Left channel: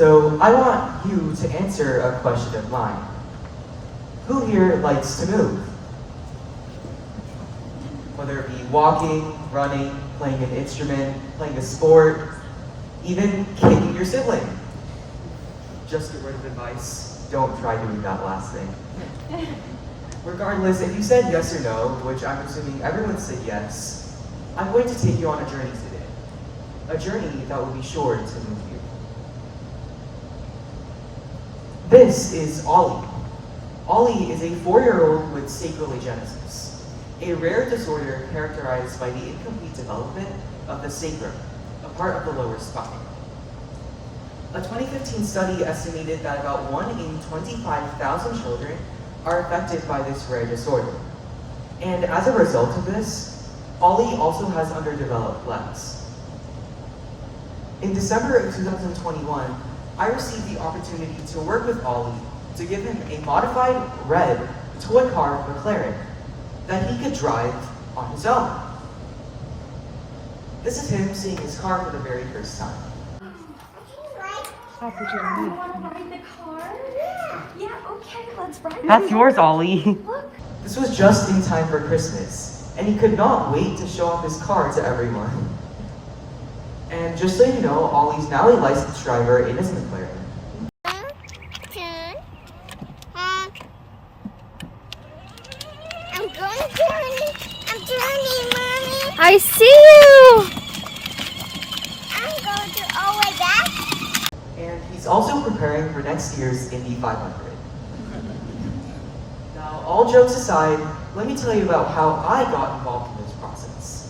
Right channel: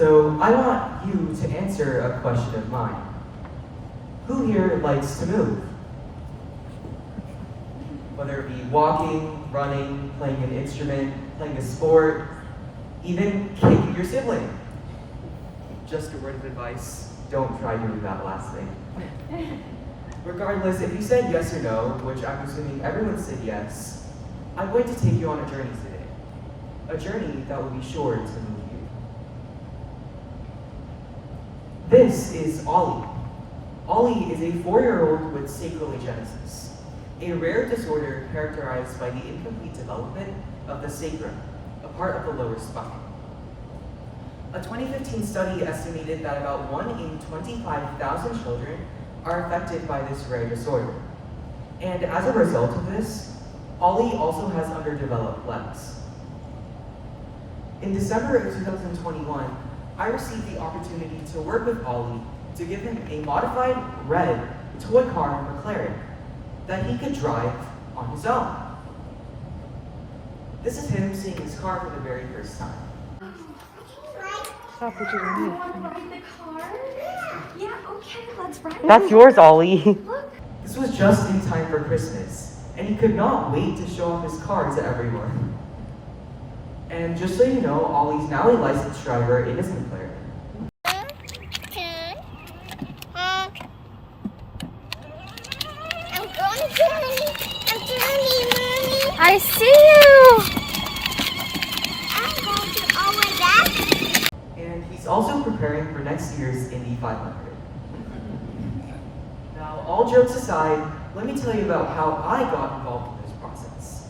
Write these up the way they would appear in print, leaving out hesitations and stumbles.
So I want you to answer a question of mine. Who here likes to move? Whether it be walking, running, playing an instrument, playing a sport, even kicking your sibling. Just a word of advice, don't try doing that last thing. Regardless, if you said yes or no, which I'm assuming everyone said yes, I'm going to take you on a journey today. A journey that will be sure to move you. This is Ollie. Ollie is a 4-year-old with sacroiligenesis, a rare disorder characterized by the incomplete development of the sacrum, a part of the lower spine. A 2015 study estimated that about 1 in 25,000 children are affected by this rare disorder. And as a result of this, Ollie also has underdeveloped legs. In December of 2021, I received the opportunity to work with Ollie to give him a modified red toy car McLaren that he could drive on his own. This is him seeing his car for the very first time. You want to ride the car? Yeah, okay, let's ride. That's yours, Ollie. Look. This was just in time for Christmas, and he could not wait to show off his car to everyone. And just so you know, Ollie's now a licensed driver in his McLaren. I'm turning, Mommy. I see you. I'm going to all the way back. And he's also preparing for next year's Indy 500. Now, all jokes aside, let me tell you about how I got involved in this process.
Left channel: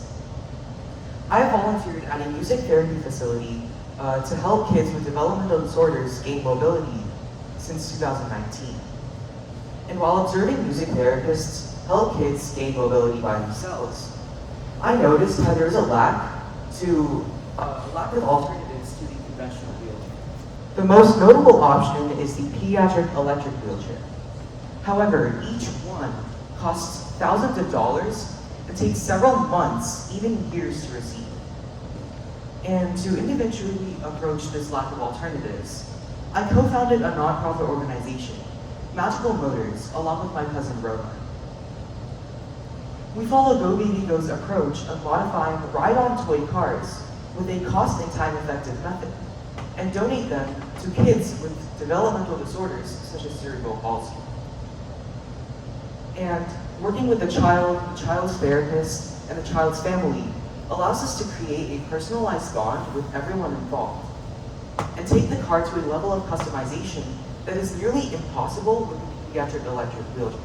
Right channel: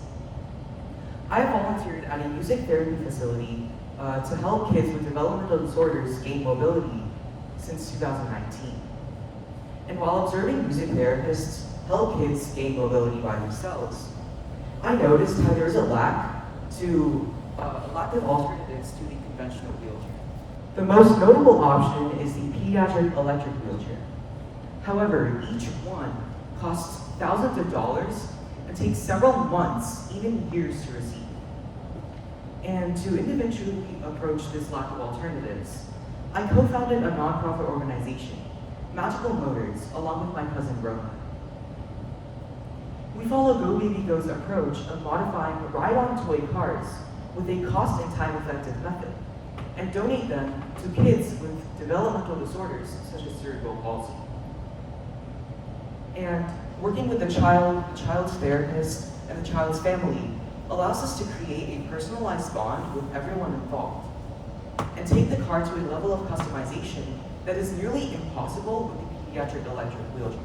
I volunteered at a music therapy facility to help kids with developmental disorders gain mobility since 2019. And while observing music therapists help kids gain mobility by themselves, I noticed how there's a lack of alternatives to the conventional wheelchair. The most notable option is the pediatric electric wheelchair. However, each one costs thousands of dollars and takes several months, even years to receive. And to individually approach this lack of alternatives, I co-founded a nonprofit organization, Magical Motors, along with my cousin Rohan. We follow Go Baby Go's approach of modifying ride-on toy cars with a cost and time-effective method, and donate them to kids with developmental disorders such as cerebral palsy. And working with the child's therapist, and the child's family allows us to create a personalized bond with everyone involved, and take the car to a level of customization that is nearly impossible with the pediatric electric wheelchair.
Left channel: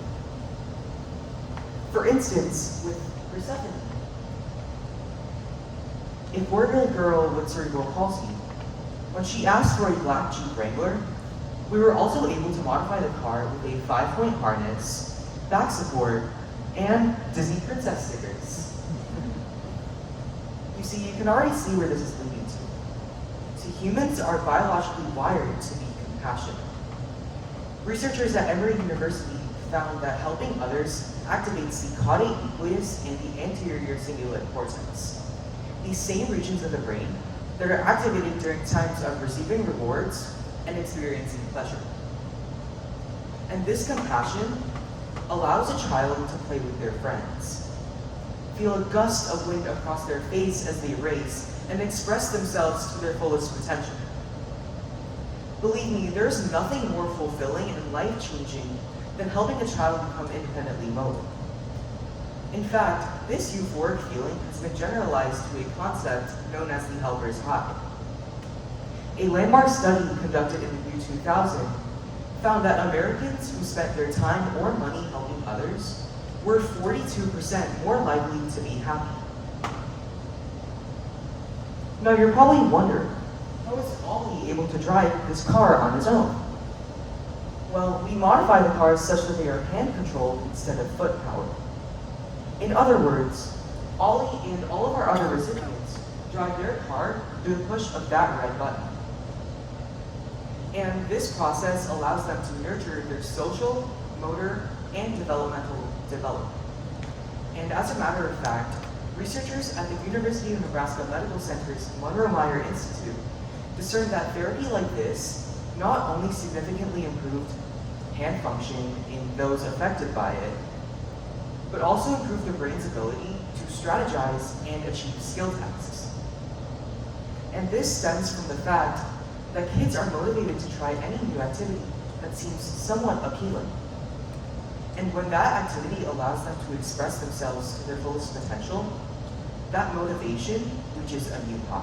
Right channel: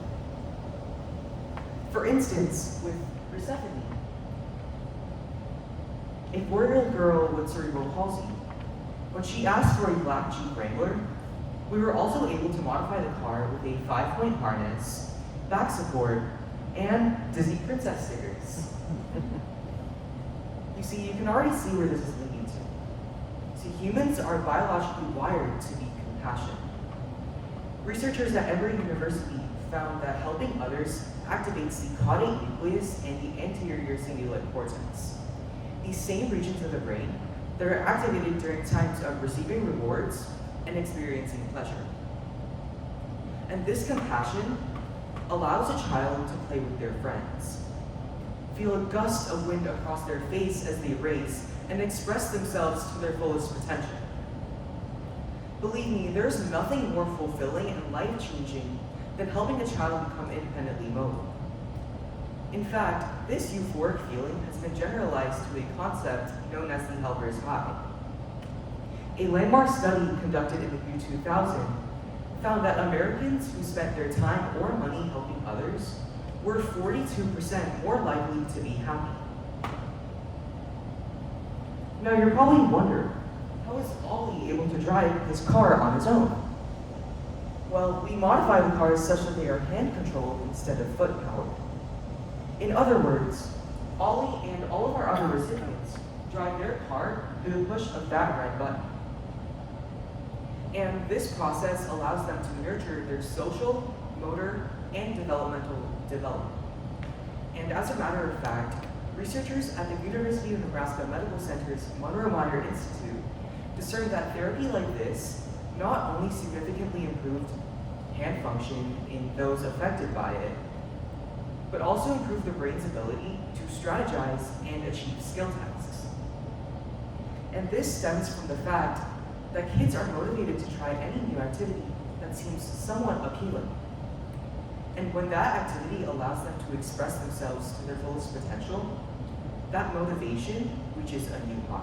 For instance, with Persephone, a 4-year-old girl with cerebral palsy, when she asked for a black Jeep Wrangler, we were also able to modify the car with a 5-point harness, back support, and Disney princess stickers. You see, you can already see where this is leading to. See, humans are biologically wired to be compassionate. Researchers at Emory University found that helping others activates the caudate nucleus and the anterior cingulate cortex, these same regions of the brain that are activated during times of receiving rewards and experiencing pleasure. And this compassion allows a child to play with their friends, feel a gust of wind across their face as they race, and express themselves to their fullest potential. Believe me, there's nothing more fulfilling and life-changing than helping a child become independently mobile. In fact, this euphoric feeling has been generalized to a concept known as the helper's high. A landmark study conducted in the year 2000 found that Americans who spent their time or money helping others were 42% more likely to be happy. Now you're probably wondering, how is Ollie able to drive this car on his own? Well, we modify the cars such that they are hand-controlled instead of foot-powered. In other words, Ollie and all of our other recipients drive their car through the push of that red button. And this process allows them to nurture their social, motor, and developmental development. And as a matter of fact, researchers at the University of Nebraska Medical Center's Monroe Meyer Institute discerned that therapy like this not only significantly improved hand function in those affected by it, but also improved the brain's ability to strategize and achieve skill tasks. And this stems from the fact that kids are motivated to try any new activity that seems somewhat appealing. And when that activity allows them to express themselves to their fullest potential, that motivation reaches a new high.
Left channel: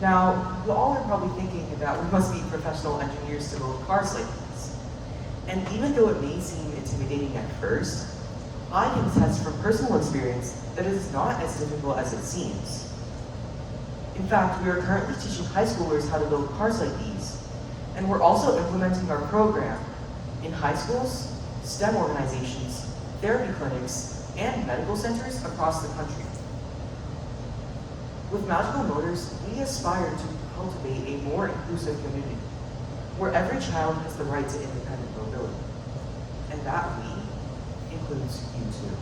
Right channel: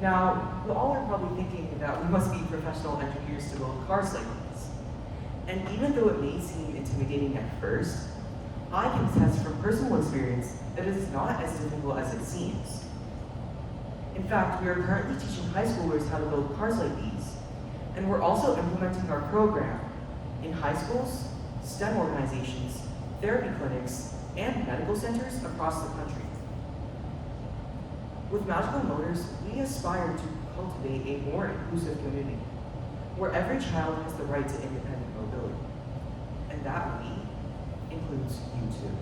Now, you all are probably thinking that we must be professional engineers to build cars like these. And even though it may seem intimidating at first, I can attest from personal experience that it is not as difficult as it seems. In fact, we are currently teaching high schoolers how to build cars like these, and we're also implementing our program in high schools, STEM organizations, therapy clinics, and medical centers across the country. With Magical Motors, we aspire to cultivate a more inclusive community, where every child has the right to independent mobility. And that we includes you too.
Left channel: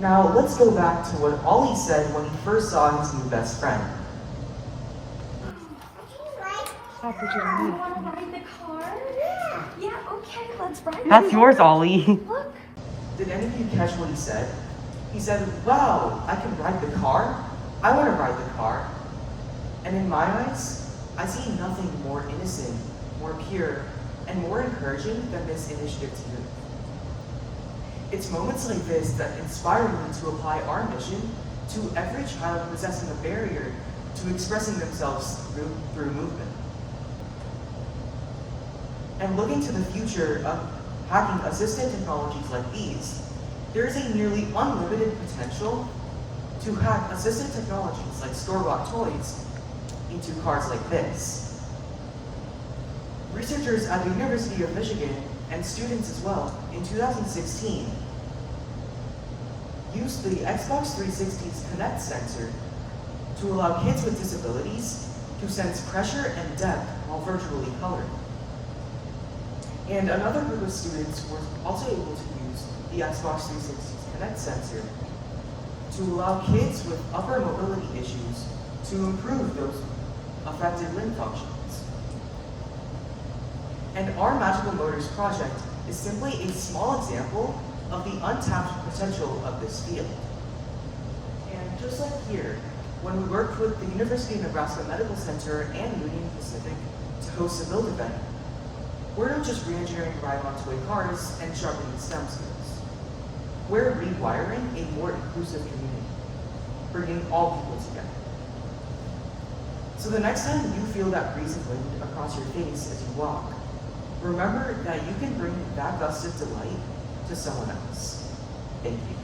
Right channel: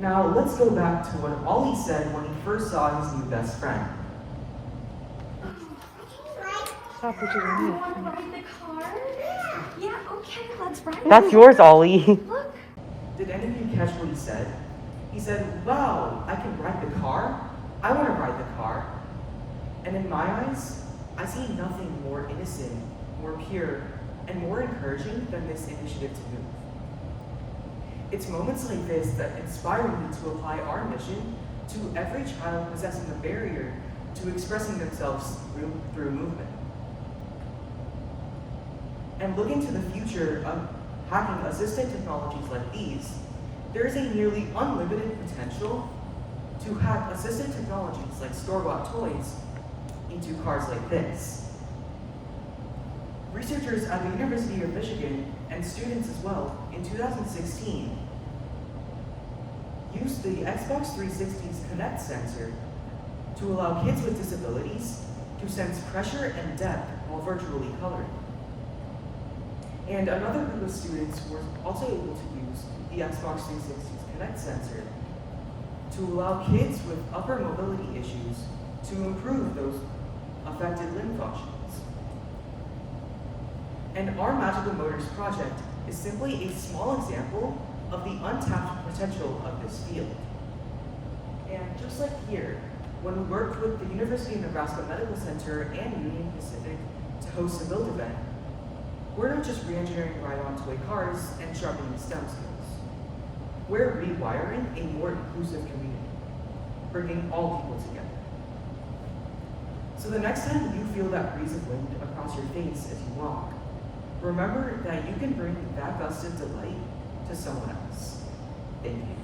Now, let's go back to what Ollie said when he first saw his new best friend. You want to ride the car? Yeah, okay, let's ride it. That's yours, Ollie. Look. Did any of you catch what he said? He said, wow, I can ride the car? I want to ride the car. And in my eyes, I see nothing more innocent, more pure, and more encouraging than this initiative to move. It's moments like this that inspire me to apply our mission to every child possessing a barrier to expressing themselves through movement. And looking to the future of hacking assistive technologies like these, there is a nearly unlimited potential to hack assistive technologies like store-bought toys into cars like this. Researchers at the University of Michigan, and students as well, in 2016, used the Xbox 360's Kinect sensor to allow kids with disabilities to sense pressure and depth while virtually coloring. And another group of students were also able to use the Xbox 360's Kinect sensor to allow kids with upper mobility issues to improve those affected limb functions. And our Magical Motors project is simply a small example of the untapped potential of this field. And just like here, when we worked with the University of Nebraska Medical Center and Union Pacific to host a build event, we're not just re-engineering ride-on toy cars and sharpening STEM skills. We're rewiring a more inclusive community, bringing all people together. So the next time you feel that breeze of wind across your face as you walk, remember that you can bring that gust of delight to someone else. Thank you.